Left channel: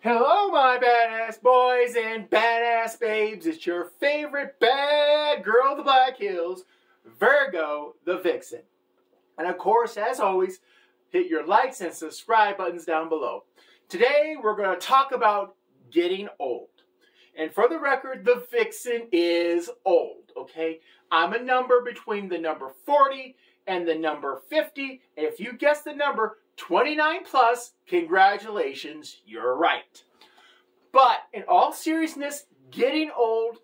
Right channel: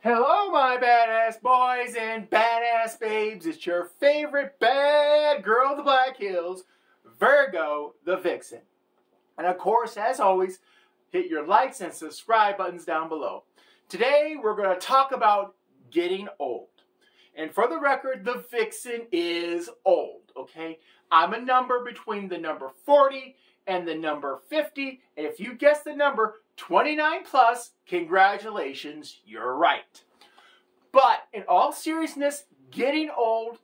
Hello, my badass boys and badass babes. It's your favorite bad girl of the Black Hills, Virgo the Vixen. And of course, as always, hit your likes and subscribe buttons down below. Today, we're going to talk about getting old. And for the record, the Vixen is old, okay? I'm a number between the number 40 and the number 50. And if you guess the number 29 plus, congratulations, you're right. But in all seriousness, getting old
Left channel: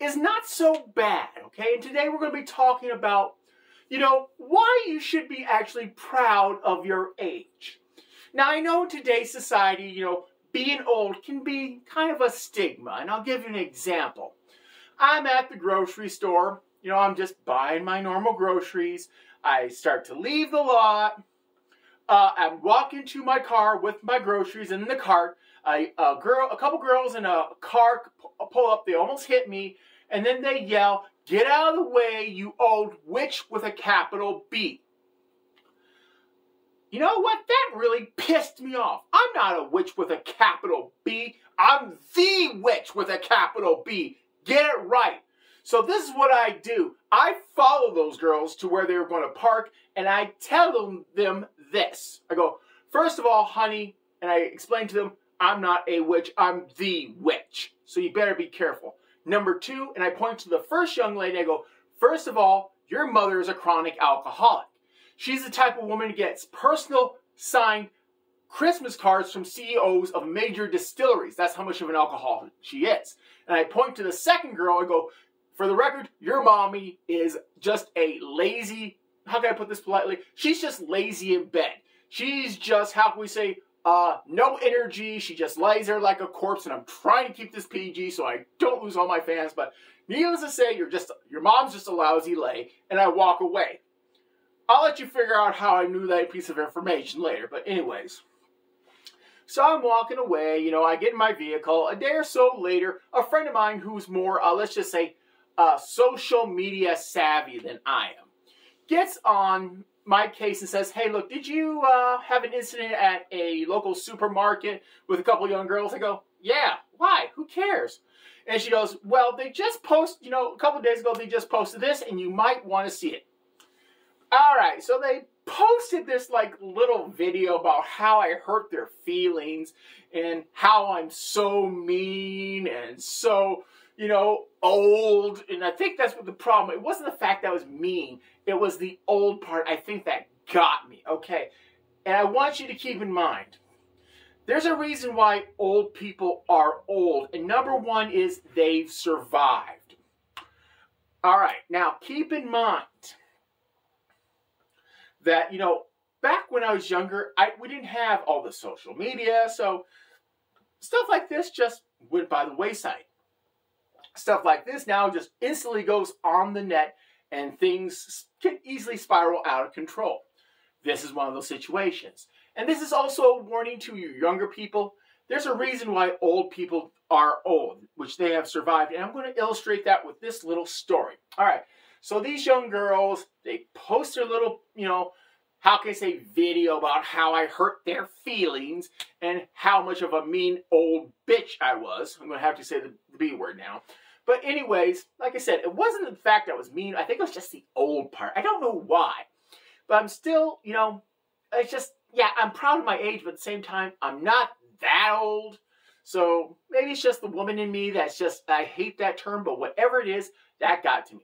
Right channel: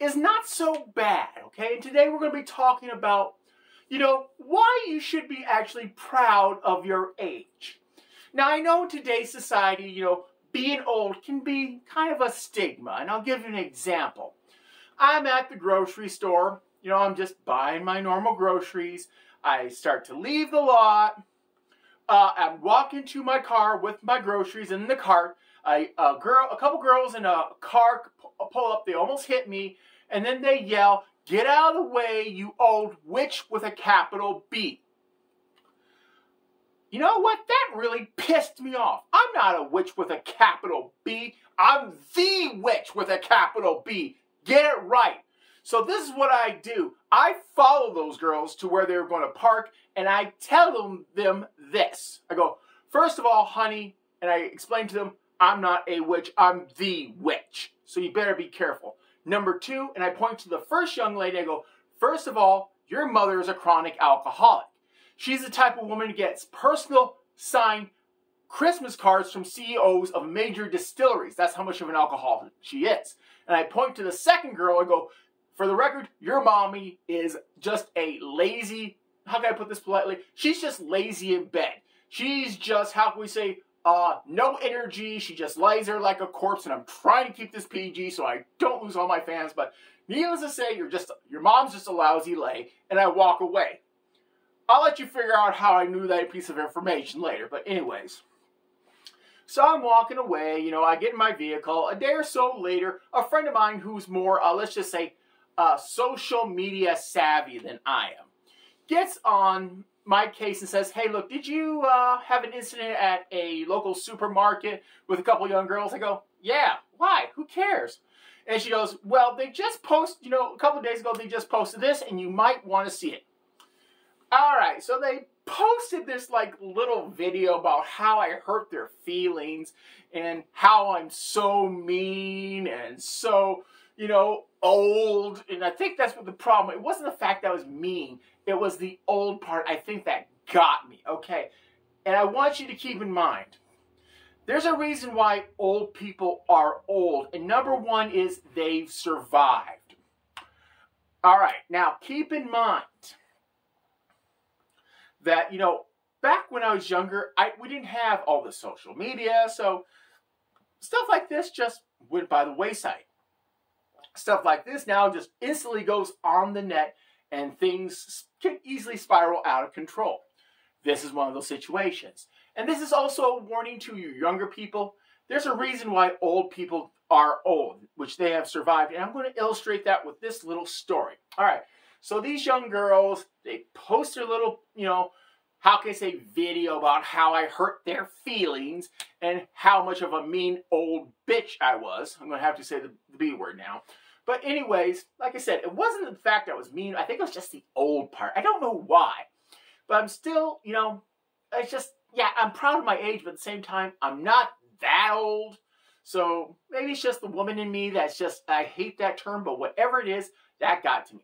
is not so bad, okay? And today we're going to be talking about, why you should be actually proud of your age. Now, I know in today's society, being old can be kind of a stigma, and I'll give you an example. I'm at the grocery store, I'm just buying my normal groceries. I start to leave the lot. I'm walking to my car with my groceries in the cart. A couple girls in a car pull up. They almost hit me, and then they yell, "Get out of the way, you old witch with a capital B." You know what? That really pissed me off. I'm not a witch with a capital B. I'm the witch with a capital B. Get it right. So this is what I do. I follow those girls to where they're going to park, and I tell them this. I go, "First of all, honey," and I explain to them, "I'm not a witch. I'm the witch. So you better be careful. Number two," and I point to the first young lady. I go, "First of all, your mother is a chronic alcoholic. She's the type of woman who gets personal signed Christmas cards from CEOs of major distilleries. That's how much of an alcoholic she is." And I point to the second girl. I go, "For the record, your mommy is just a lazy," how can I put this politely? She's just lazy in bed. She's just, how can we say, no energy. She just lays there like a corpse, and I'm trying to keep this PG so I don't lose all my fans. But needless to say, your mom's just a lousy lay, and I walk away. I'll let you figure out how I knew that piece of information later. But anyways, so I'm walking away. I get in my vehicle. A day or so later, a friend of mine who's more, let's just say, social media savvy than I am, gets on my case and says, "Hey, look, did you have an incident at a local supermarket with a couple young girls?" I go, "Yeah, why? Who cares?" And she goes, "Well, they just posted, a couple of days ago, they just posted this, and you might want to see it." All right, so they posted this little video about how I hurt their feelings and how I'm so mean and so, old. And I think that's what the problem, it wasn't the fact that I was mean. It was the old part, I think, that got me, okay? And I want you to keep in mind, there's a reason why old people are old. And number one is they've survived. All right, now keep in mind that, back when I was younger, we didn't have all the social media, so stuff like this just went by the wayside. Stuff like this now just instantly goes on the net, and things can easily spiral out of control. This is one of those situations. And this is also a warning to you younger people. There's a reason why old people are old, which they have survived. And I'm going to illustrate that with this little story. All right. So these young girls, they post their little, how can I say, video about how I hurt their feelings and how much of a mean old bitch I was. I'm going to have to say the B word now. But anyways, like I said, it wasn't the fact that I was mean. I think it was just the old part. I don't know why. But I'm still, it's just, yeah, I'm proud of my age, but at the same time, I'm not that old. So maybe it's just the woman in me that's just, I hate that term, but whatever it is, that got to me.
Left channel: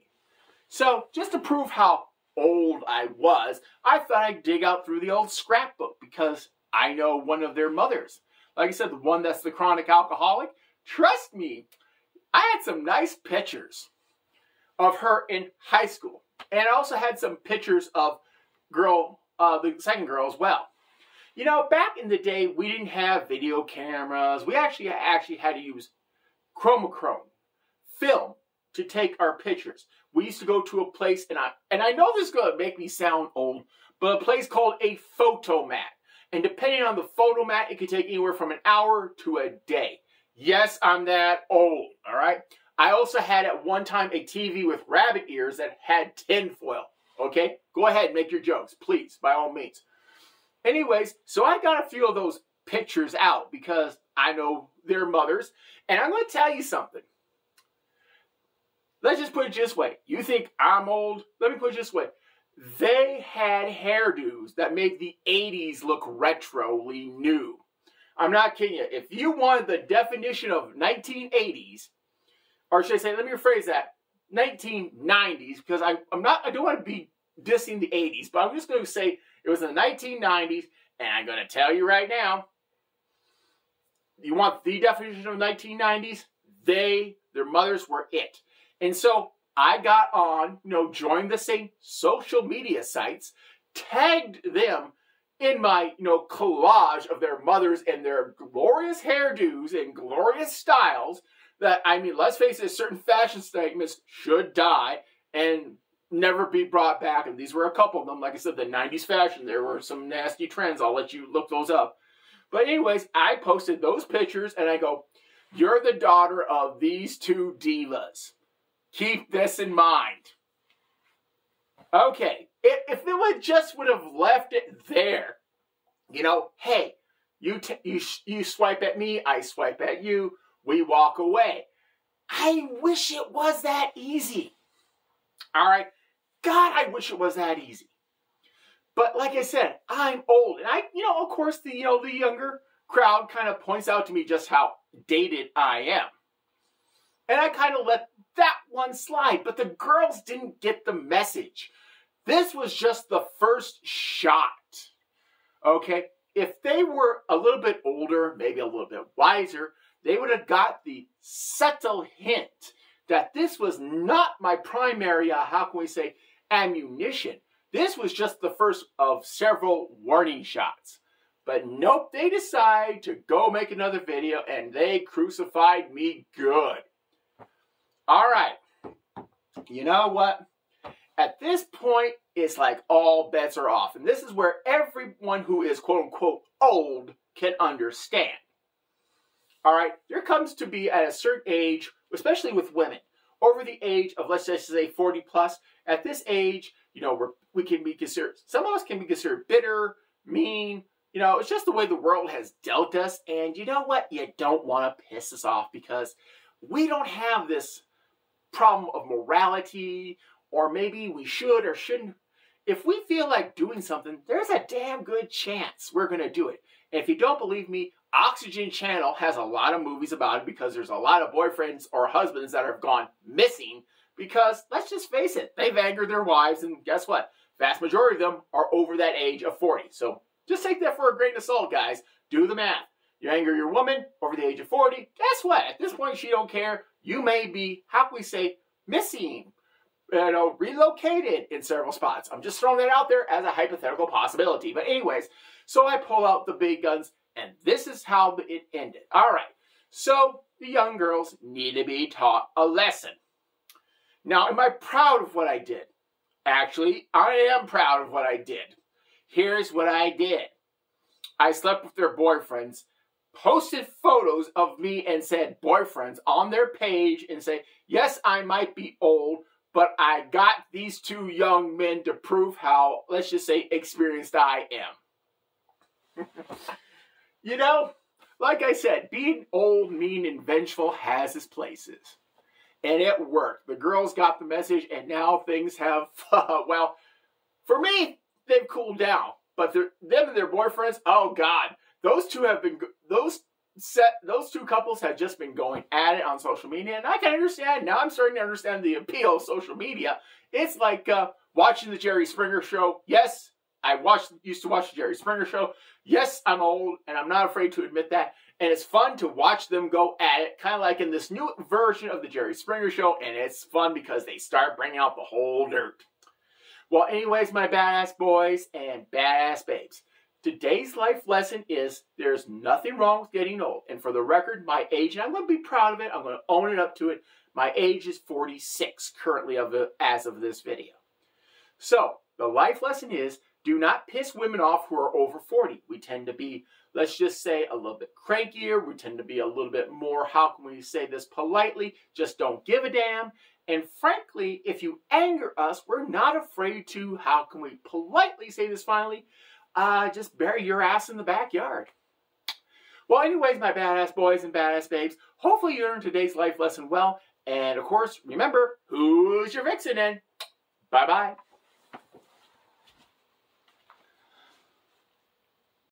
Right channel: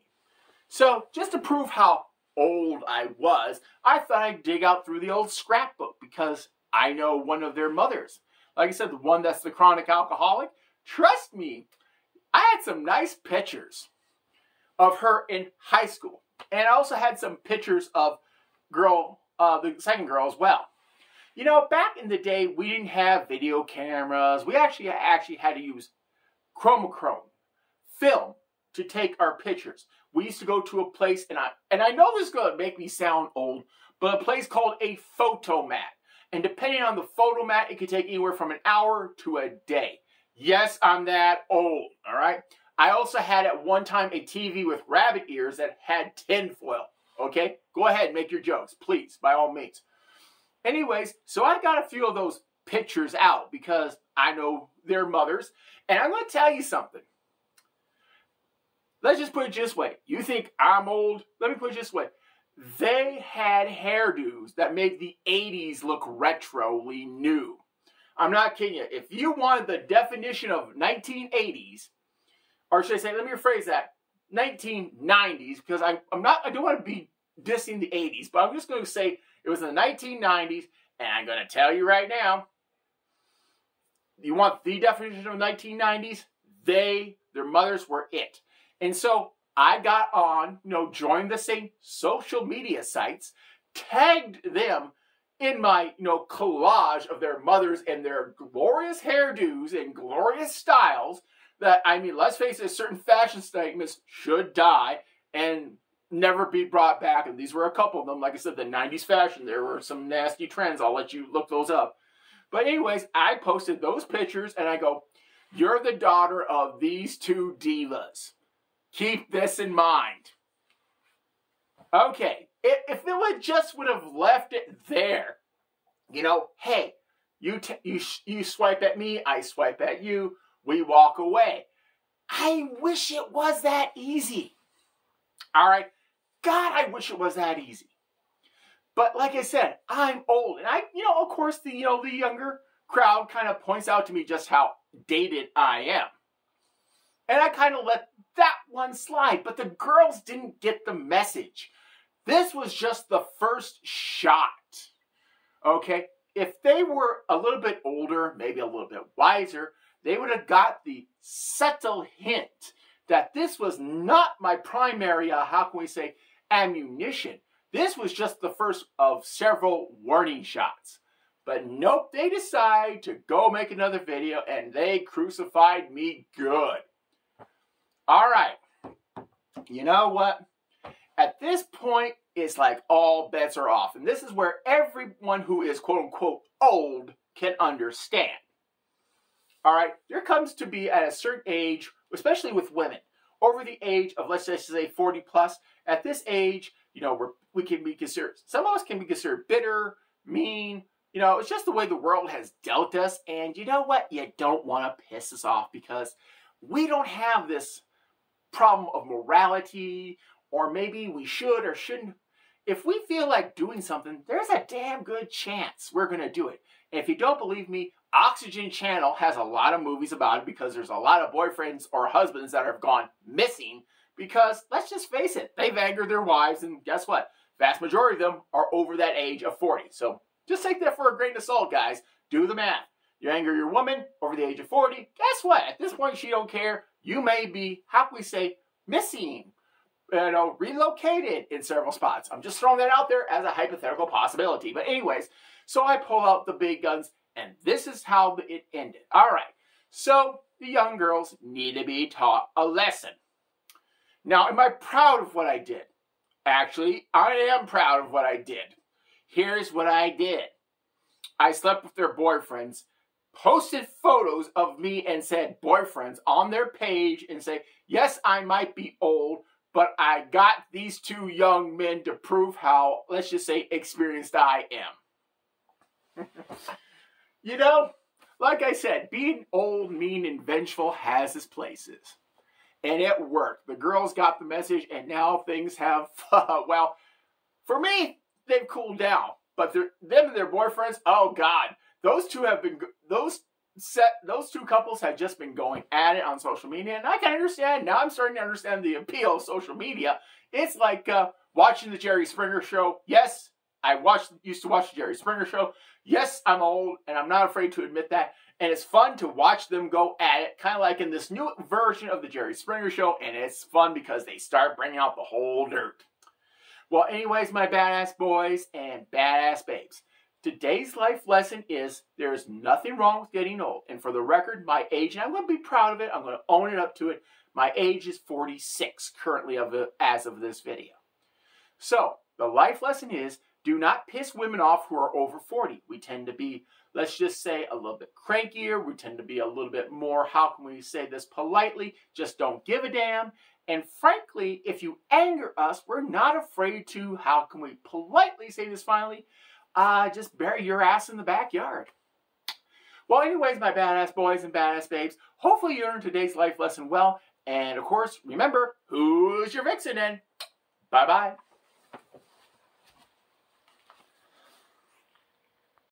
So just to prove how old I was, I thought I'd dig out through the old scrapbook because I know one of their mothers. Like I said, the one that's the chronic alcoholic. Trust me, I had some nice pictures of her in high school. And I also had some pictures of the second girl as well. Back in the day, we didn't have video cameras. We actually had to use chromachrome film to take our pictures. We used to go to a place, and I know this is going to make me sound old, but a place called a photomat. And depending on the photomat, it could take anywhere from an hour to a day. Yes, I'm that old, all right? I also had at one time a TV with rabbit ears that had tinfoil, okay? Go ahead and make your jokes, please, by all means. Anyways, so I got a few of those pictures out because I know their mothers. And I'm going to tell you something. Let's just put it this way. You think I'm old? Let me put it this way. They had hairdos that made the 80s look retroly new. I'm not kidding you. If you wanted the definition of 1980s, or should I say, let me rephrase that, 1990s, because I don't want to be dissing the 80s, but I'm just going to say it was in the 1990s, and I'm going to tell you right now, you want the definition of 1990s? Their mothers were it. And so I got on, joined the same social media sites, tagged them in my, collage of their mothers and their glorious hairdos and glorious styles that, I mean, let's face it, certain fashion statements should die and never be brought back. And these were a couple of them. Like I said, the 90s fashion, there were some nasty trends. I'll let you look those up. But anyways, I posted those pictures and I go, you're the daughter of these two divas. Keep this in mind. Okay, if it would have left it there, hey, you swipe at me, I swipe at you, we walk away. I wish it was that easy. All right, God, I wish it was that easy. But like I said, I'm old, and of course, the younger crowd kind of points out to me just how dated I am. And I kind of let that one slide, but the girls didn't get the message. This was just the first shot, okay? If they were a little bit older, maybe a little bit wiser, they would have got the subtle hint that this was not my primary, ammunition. This was just the first of several warning shots. But nope, they decide to go make another video, and they crucified me good. All right, you know what? At this point, it's like all bets are off. And this is where everyone who is quote-unquote old can understand. All right, there comes to be at a certain age, especially with women, over the age of, let's just say 40 plus, at this age, we can be considered, some of us can be considered bitter, mean, it's just the way the world has dealt us. And you know what? You don't want to piss us off because we don't have this problem of morality, or maybe we should or shouldn't. If we feel like doing something, there's a damn good chance we're going to do it. And if you don't believe me, Oxygen Channel has a lot of movies about it because there's a lot of boyfriends or husbands that have gone missing because, let's just face it, they've angered their wives, and guess what? Vast majority of them are over that age of 40. So just take that for a grain of salt, guys. Do the math. You anger your woman over the age of 40, guess what? At this point, she don't care. You may be, missing, relocated in several spots. I'm just throwing that out there as a hypothetical possibility. But anyways, so I pull out the big guns, and this is how it ended. All right, so the young girls need to be taught a lesson. Now, am I proud of what I did? Actually, I am proud of what I did. Here's what I did. I slept with their boyfriends, posted photos of me and said boyfriends on their page and say, yes, I might be old, but I got these two young men to prove how, let's just say, experienced I am. Like I said, being old, mean, and vengeful has its places. And it worked. The girls got the message, and now things have, well, for me, they've cooled down. But them and their boyfriends, oh God, those two couples have just been going at it on social media, and I can understand. Now I'm starting to understand the appeal of social media. It's like watching the Jerry Springer show. Yes, I used to watch the Jerry Springer show. Yes, I'm old, and I'm not afraid to admit that. And it's fun to watch them go at it, kind of like in this new version of the Jerry Springer show, and it's fun because they start bringing out the whole dirt. Well, anyways, my badass boys and badass babes, today's life lesson is there's nothing wrong with getting old. And for the record, my age, and I'm going to be proud of it, I'm going to own it up to it, my age is 46 currently as of this video. So, the life lesson is, do not piss women off who are over 40. We tend to be, let's just say, a little bit crankier. We tend to be a little bit more, how can we say this politely, just don't give a damn. And frankly, if you anger us, we're not afraid to, how can we politely say this finally, just bury your ass in the backyard. Well, anyways, my badass boys and badass babes, hopefully you learned today's life lesson well. And of course, remember, who's your vixen in? Bye-bye.